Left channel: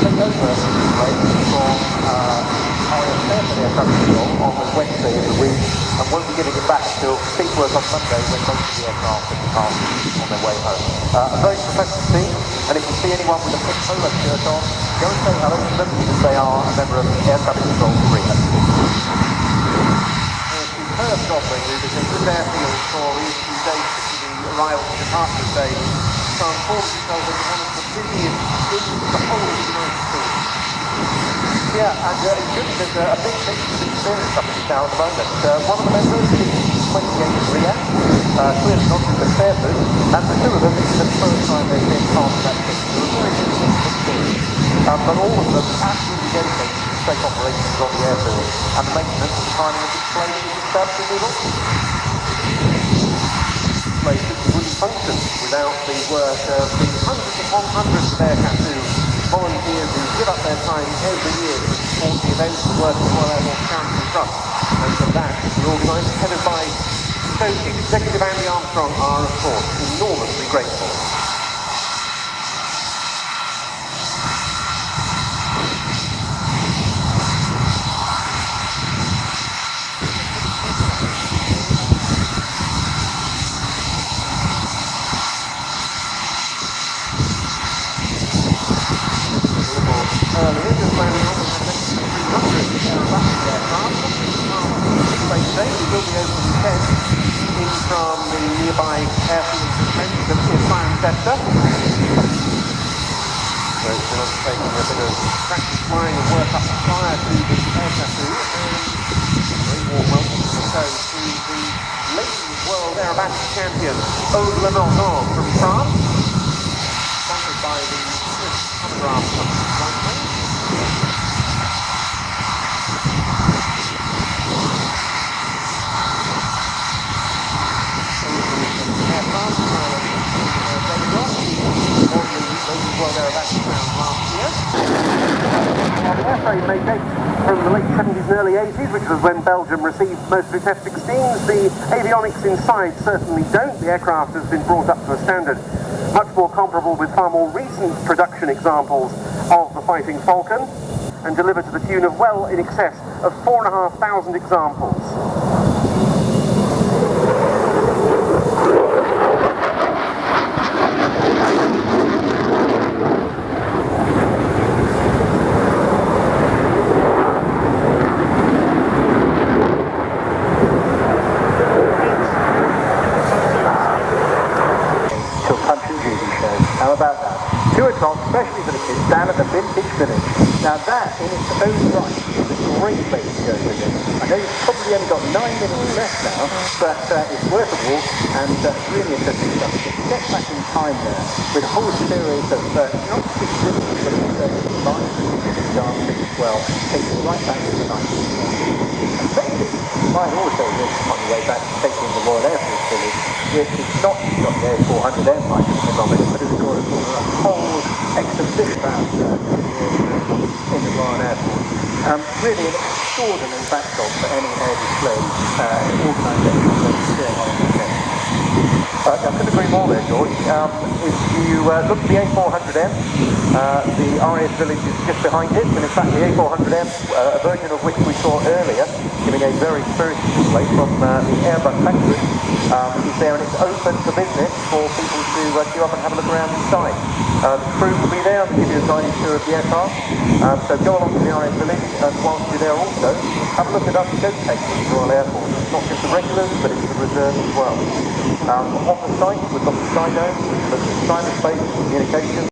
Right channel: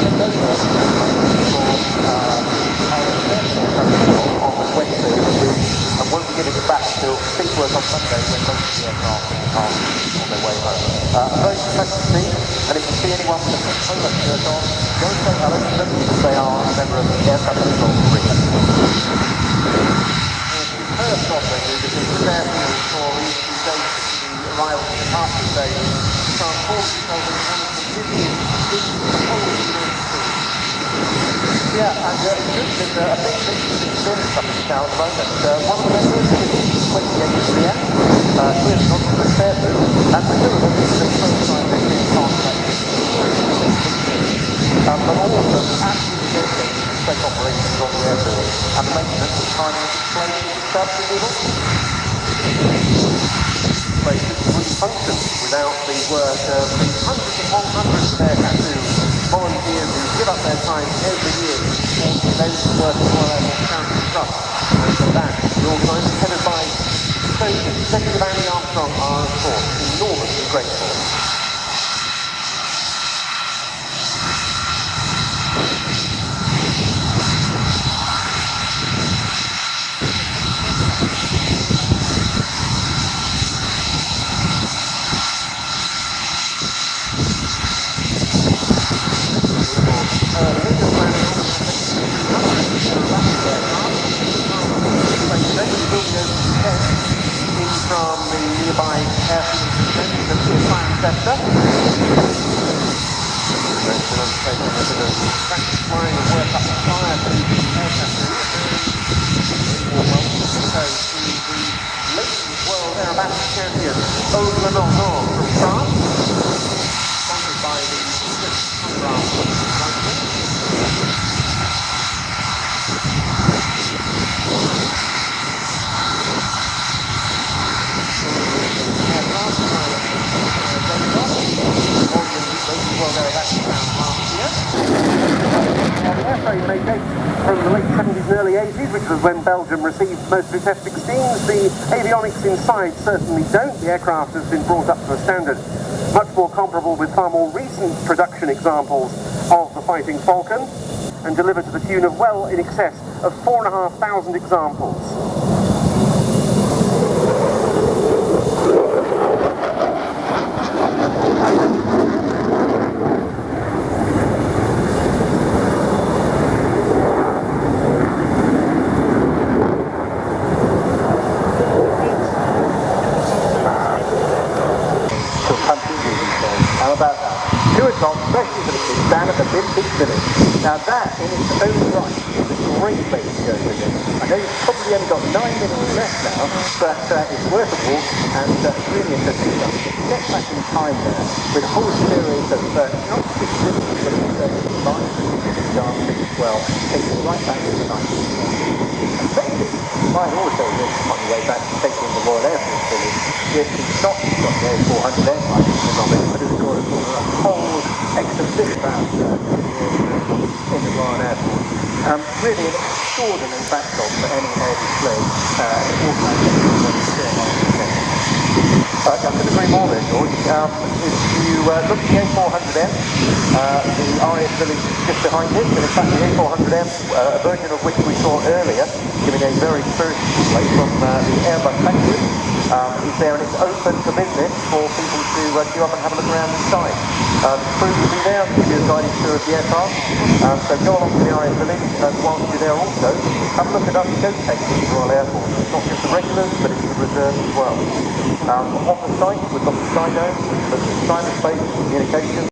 take over the plane from Air Traffic Control on the Wednesday of the week, and won't be getting it back until peak work on Monday when most of the aircraft will be departing on their way home. A very professional team, and if you see anyone with a pink polo shirt on, go and say hello to them because they are a member of the Air Traffic Control RIAT. Superb job they do because this airfield for these few days to the arrival and departure day transforms itself into one of the busiest in the whole of the United States. Yeah, and it's good because a big mix of experience up in town at the moment. One of the members is the 28 RIAT, clearly not in the spare boot, and the two of them, this is the first time they've been part of that team, so a very good mix of experience. But all of them absolutely dedicated to safe operations on the airfield, and the maintenance of the timing of this plane is absolutely awesome. This place wouldn't function without the work of the hundreds upon hundreds of Air Tattoo volunteers who give up their time every year to support the events, the work of the Royal Air Force Charity Trust. And for that, the organisers, headed by Chief Executive Andy Armstrong, are of course enormously grateful. Earlier, just landing on, we had next to 300 aerobatic aircraft, not taking part in the space today, but we will be over the weekend, in from the nearby airfield at Renton near Cirencester. So it's been undertaking a bit of practice flying and work up prior to the Air Tattoo, and a very warm welcome to the show to the Ladies World Aerobatic Champion, Aude Lenormand from France, sponsored by the Swiss Phonograph from Brighton. Aircraft pilot with Radar, he won the Ladies World Aerobatic Round last year. Well, the airframe may date from the late 70s and early 80s, which was when Belgium received most of its F-16s. The avionics inside certainly don't. The aircraft has been brought up to a standard much more comparable with far more recent production examples of the Fighting Falcon, and delivered to the tune of well in excess of 4,500 examples. How about that? 2 o'clock, especially for the kids, down at the Vintage Village. Now that, in its own right, is a great place to go visit. I know you've probably only got 9 minutes left now, but it's worth a walk, and really interesting stuff. You get back in time there with a whole series of not just exhibits, but also live and dancing as well. Takes you right back to the 19th. You might also live on your way back to taking the Royal Air Force Village, which is not just got the A400M right in the middle of it, but it's got a whole exhibition about in the Royal Air Force. Really an extraordinary backdrop for any air display organisation that is going on in the UK. I couldn't agree more there, George. If you look at the A400M, the RIAT Village is just behind it, and in fact the A400M, a version of which we saw earlier, giving a very spirited display from the Airbus factory, is there, and it's open for business for people to queue up and have a look around inside. The crew will be there and they'll give you a guided tour of the aircraft, so go along to the RIAT Village, and whilst you're there also, have a look at us showcasing the Royal Air Force. It's not just the regulars, but it's the reserves as well. On the site, we've got the Skydome, the cyberspace communications.